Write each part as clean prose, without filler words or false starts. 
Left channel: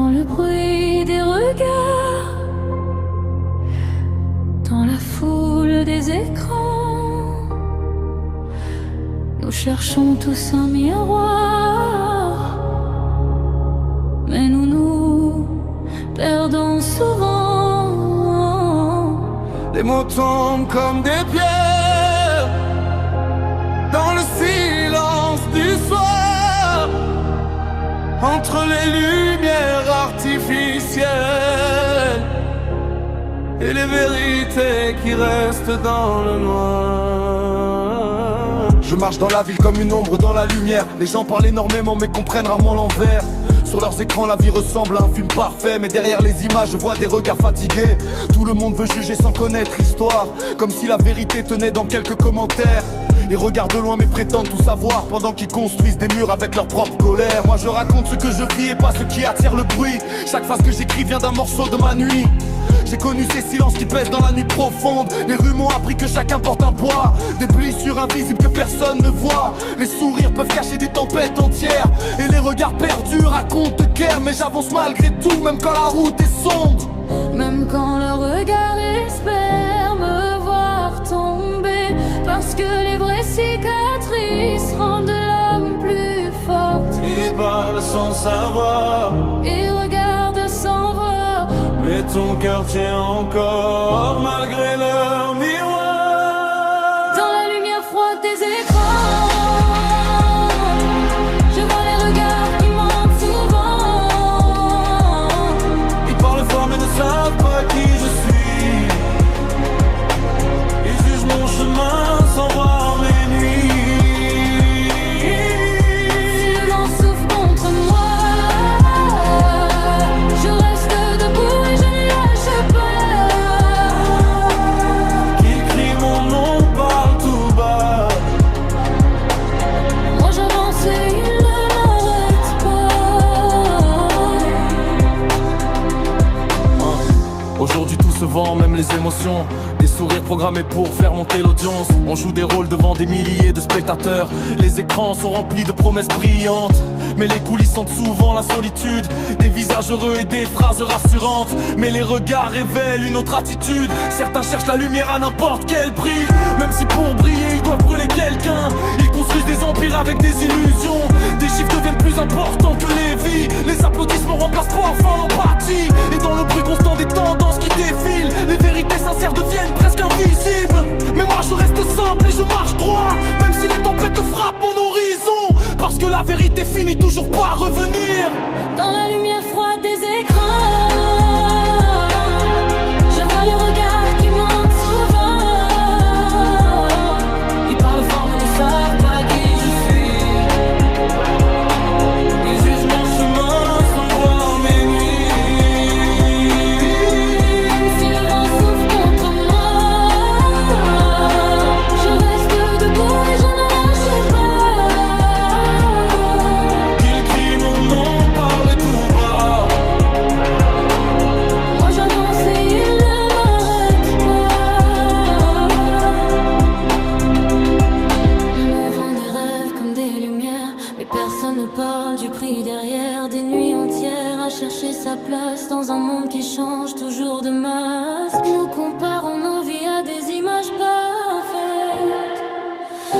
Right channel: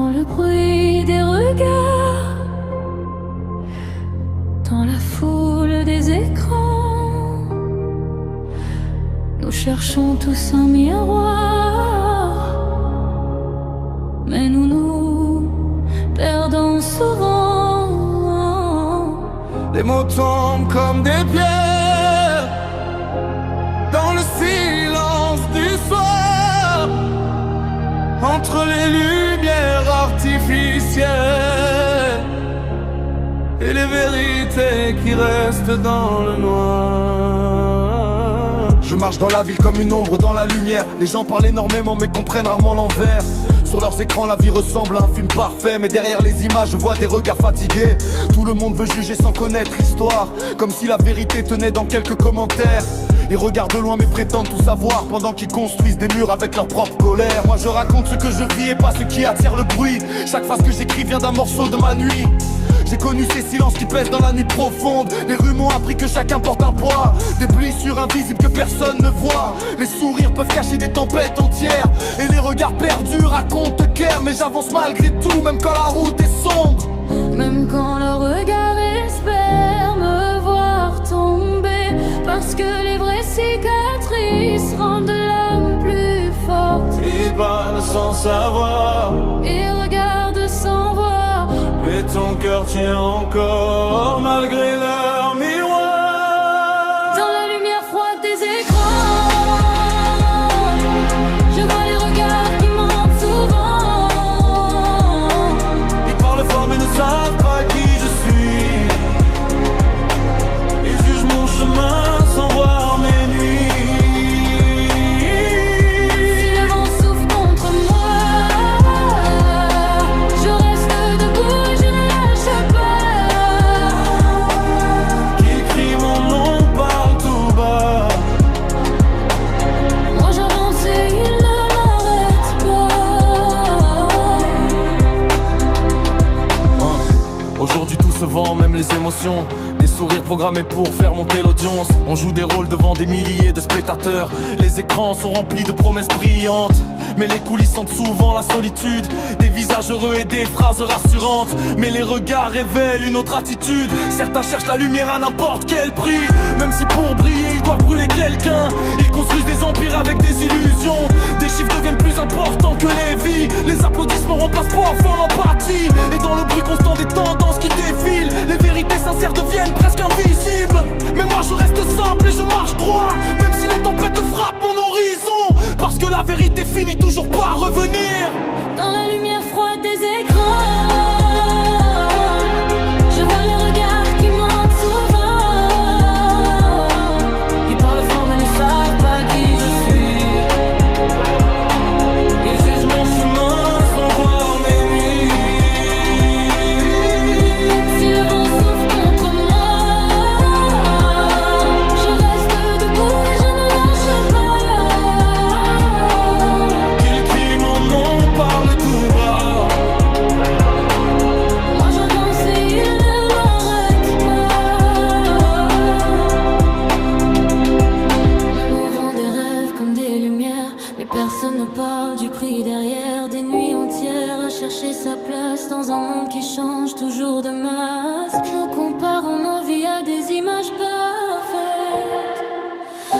Dans le bruit des regards, dans la foule des écrans, nous cherchons tous un miroir, mais nous nous perdons souvent. Les mots tombent comme des pierres dans le silence du soir, entre les lumières artificielles et les vérités qui restent dans le noir. Je marche dans la ville comme une ombre dans la lumière. Les gens parlent énormément mais comprennent rarement l'envers. Sur leurs écrans la vie ressemble à un film parfait, mais derrière les images je vois des regards fatigués. Tout le monde veut juger sans connaître l'histoire, comme si la vérité tenait dans quelques commentaires. Ils regardent de loin mais prétendent tout savoir, pendant qu'ils construisent des murs avec leur propre colère. Moi je raconte ce que je vis et pas ce qui attire le bruit. Chaque phrase que j'écris vient d'un morceau de ma nuit. J'ai connu ces silences qui pèsent dans la nuit profonde. Les rues m'ont appris que chacun porte un poids, des blessures invisibles que personne ne voit. Les sourires peuvent cacher des tempêtes entières, et les regards perdus racontent guerre. Mais j'avance malgré tout, même quand la route est sombre. Même quand le regard espère me voir tomber, parce que les vraies cicatrices rendent l'âme plus forte. Ils parlent sans savoir, Ils regardent sans voir, mais ton cœur tient encore malgré leur miroir. dans la lumière froide des écrans, je vois les regards qui mentent souvent. Ils parlent fort mais ne savent pas qui je suis. Ils jugent mon chemin sans voir mes nuits. Si le vent souffle contre moi, je reste debout et je ne lâche pas. Qu'ils crient mon nom, parlent tout bas. Moi j'avance et ils ne m'arrêtent pas. Aujourd'hui tout se vend, même les émotions. Des sourires programmés pour faire monter l'audience. On joue des rôles devant des milliers de spectateurs. Les écrans sont remplis de promesses brillantes, mais les coulisses sentent souvent la solitude. Des visages heureux et des phrases rassurantes, mais les regards révèlent une autre attitude. Certains cherchent la lumière à n'importe quel prix, même si pour briller ils doivent brûler quelqu'un. Ils construisent des empires avec des illusions. Des chiffres deviennent plus importants que les vies. Les applaudissements remplacent parfois l'empathie. Et dans le bruit constant des tendances qui défilent, les vérités sincères deviennent presque invisibles. Mais moi je reste simple et je marche droit, même si les tempêtes frappent mon horizon. Parce que la vérité finit toujours par revenir. Dans la lumière froide des écrans, je vois les regards qui mentent souvent. Ils parlent fort mais ne savent pas qui je suis. Ils jugent mon chemin sans voir mes nuits. Même si le vent souffle contre moi, je reste debout et je ne lâche pas. Qu'ils crient mon nom, parlent tout bas. Moi j'avance et ils ne m'arrêtent pas. On nous vend des rêves comme des lumières, mais personne ne parle du prix derrière. Des nuits entières à chercher sa place dans un monde qui change toujours de masque. Nous comparons nos vies à des images parfaites,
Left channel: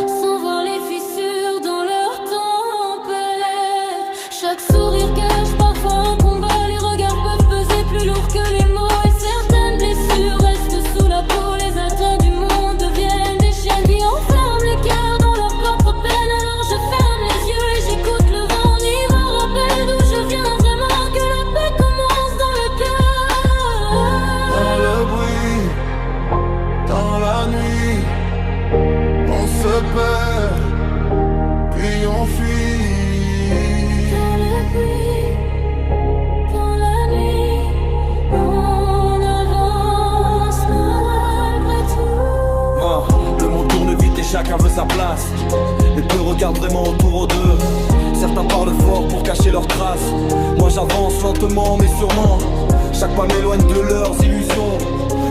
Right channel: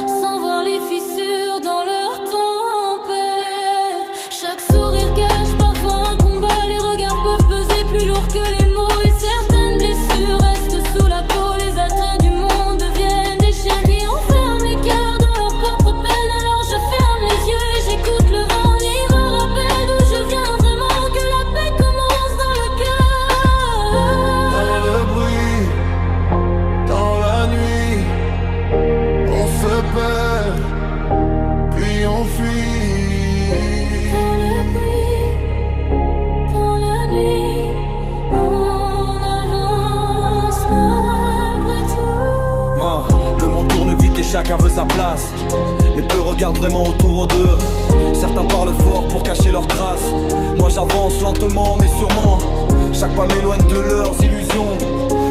sans voir les fissures dans leur tempête. Chaque sourire cache parfois un combat. Les regards peuvent peser plus lourd que les mots, et certaines blessures restent sous la peau. Les attraits du monde deviennent des chaînes qui enferment les cœurs dans leur propre peine. Alors je ferme les yeux et j'écoute le vent. N'y me rappelle d'où je viens vraiment, que la paix commence dans le cœur. Dans le bruit, dans la nuit, on se perd, puis on fuit. Dans le bruit, dans la nuit, on avance malgré tout. Le monde tourne vite et chacun veut sa place, mais peu regardent vraiment autour d'eux. Certains parlent fort pour cacher leurs traces. Moi j'avance lentement mais sûrement. Chaque pas m'éloigne de leurs illusions,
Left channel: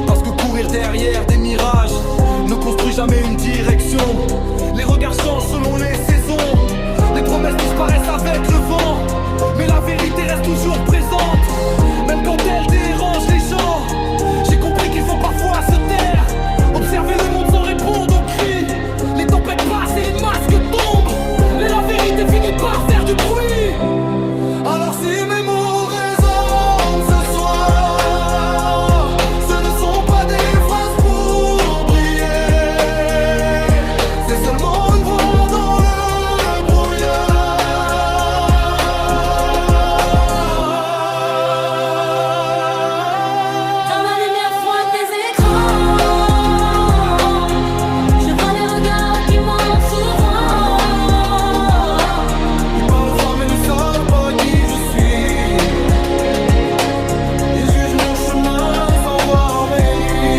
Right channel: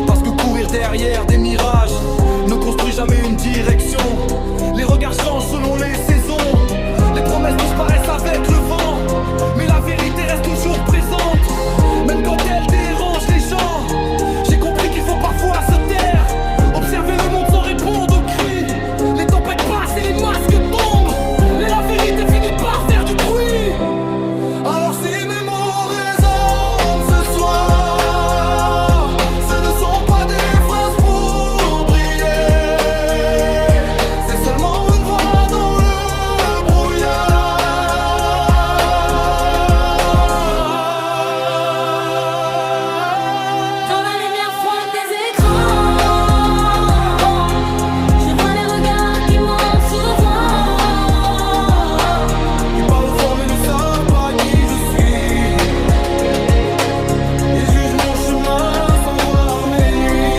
parce que courir derrière des mirages ne construit jamais une direction. Les regards changent selon les saisons, les promesses disparaissent avec le vent. mais la vérité reste toujours présente, même quand elle dérange les gens. J'ai compris qu'il faut parfois se taire, observer le monde sans répondre aux cris. Les tempêtes passent et les masques tombent, mais la vérité finit par faire du bruit. Alors si mes mots résonnent ce soir, ce ne sont pas des phrases pour briller, c'est seulement une voix dans le brouillard. Dans la lumière froide des écrans, je vois les regards qui montent souvent. Ils parlent fort mais ne savent pas qui je suis. Ils jugent mon chemin sans voir mes nuits.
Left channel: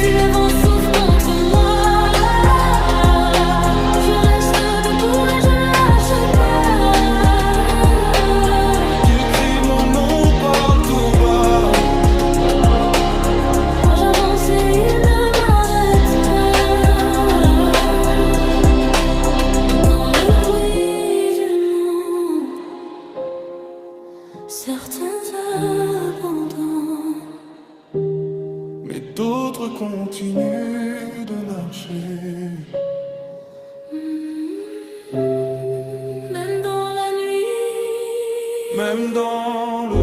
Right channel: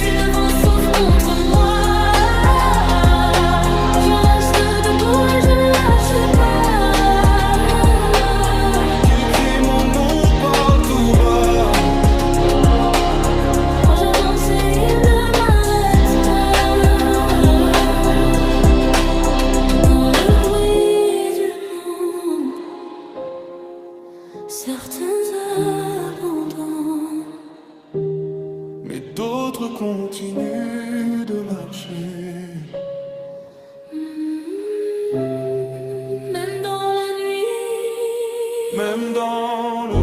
Si le vent souffle contre moi, je reste debout et je ne lâche pas. Qu'ils crient mon nom, parlent tout bas. Moi j'avance et ils ne m'arrêtent pas. Dans le bruit du monde, certains abandonnent. Mais d'autres continuent de marcher. Même dans la nuit, Même dans le